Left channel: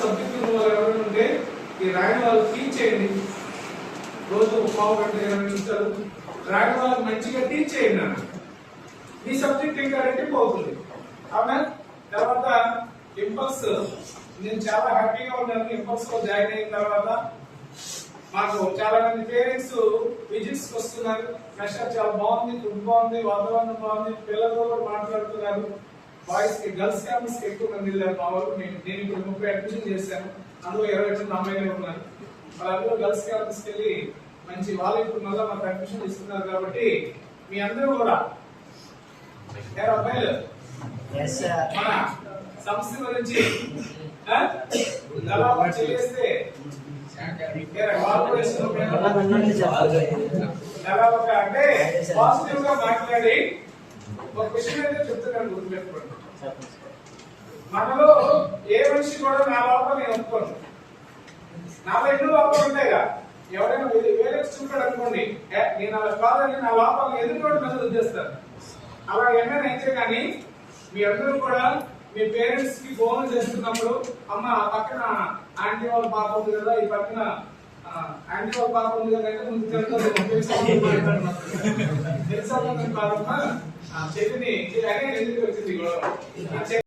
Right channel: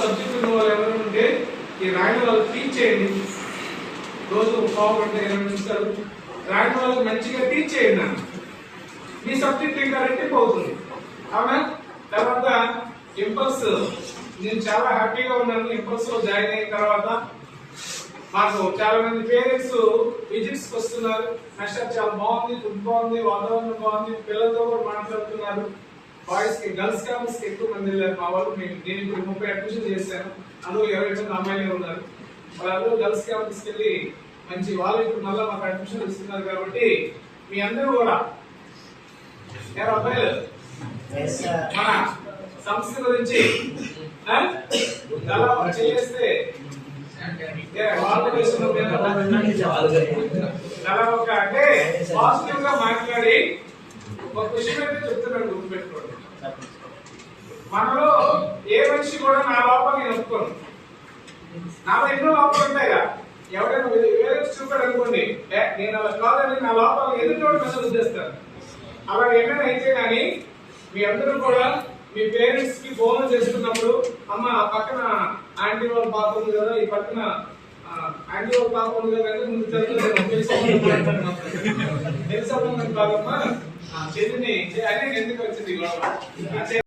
Subject ఉన్న వాళ్ళు ఎవరైనా ఉంటే ఈ రాయని వాళ్ళు టీచ్ చేయండి. రోజు పావుగంట 20 నిమిషాలు రాయని వాళ్ళకి మంచిగా టీచ్ చేయండి అన్న. మీ సబ్జెక్ట్ ఇంకా రెట్టింపు అవుతుంది. అవునా? తర్వాత ఇంపల్స్, నేను చాలా హ్యాపీగా ఉన్నాను. ఇంపల్స్ లో జాయిన్ అయిన తర్వాత మాకు చాలా మంది పేరెంట్స్ విజిట్స్ వస్తున్నారు. మెషర్ చాలా బాగుంది, ఫుడ్ బాగుంది, వాతావరణం బాగుంది, పిల్లలతో కూడా మాట్లాడుతున్నారు. బాయ్స్ కి గర్ల్స్ క్యాంపస్ కి ఎక్కువ మంది వెళ్ళారు మా వాళ్ళు. నేను ఇప్పుడు 30 అడ్మిషన్ చేశాను, అందులో 28 అమ్మాయిలే ఉన్నారు. వాళ్ళందరూ గర్ల్స్ క్యాంపస్ కి వెళ్ళి మంచి వాళ్ళు ఇప్పుడు మళ్ళీ మాకు అడ్మిషన్ ఇస్తున్నారు. కాబట్టి మీ అందరూ కూడా అబ్బాయిలు మన సంస్థ గురించి చేస్తే అంటే పాజిటివ్ గా మాట్లాడి ఒక విషయం అయితే చెప్తున్నాను, గుర్తుపెట్టుకోండి. మనలో ఏ మనిషి కూడా నా లోపల నేను ఒప్పుకోను. నాలో ఎన్నో లోపాలు ఉంటాయిగా. ఎవరైనా వేరే చూపాడు అనుకోండి, నేను అలా కాదని నా లోపాలు ఎదుటి మెసేజ్ చేస్తాను. అలా ఏమైనా అయితే కానీ మీ అందరూ కూడా మీ పేరెంట్స్ కి ఫోన్ చేస్తున్నప్పుడు, అమ్మ పక్కన ఆంటీ వాళ్ళ పాప ఉంది కదా, ఈ పక్కన ఆంటీ వాళ్ళ పాప ఉంది కదా అంటే ముందు తెలుసా కాదమ్మా చెల్లిని అనే ఎందుకు వచ్చింది గొడవ.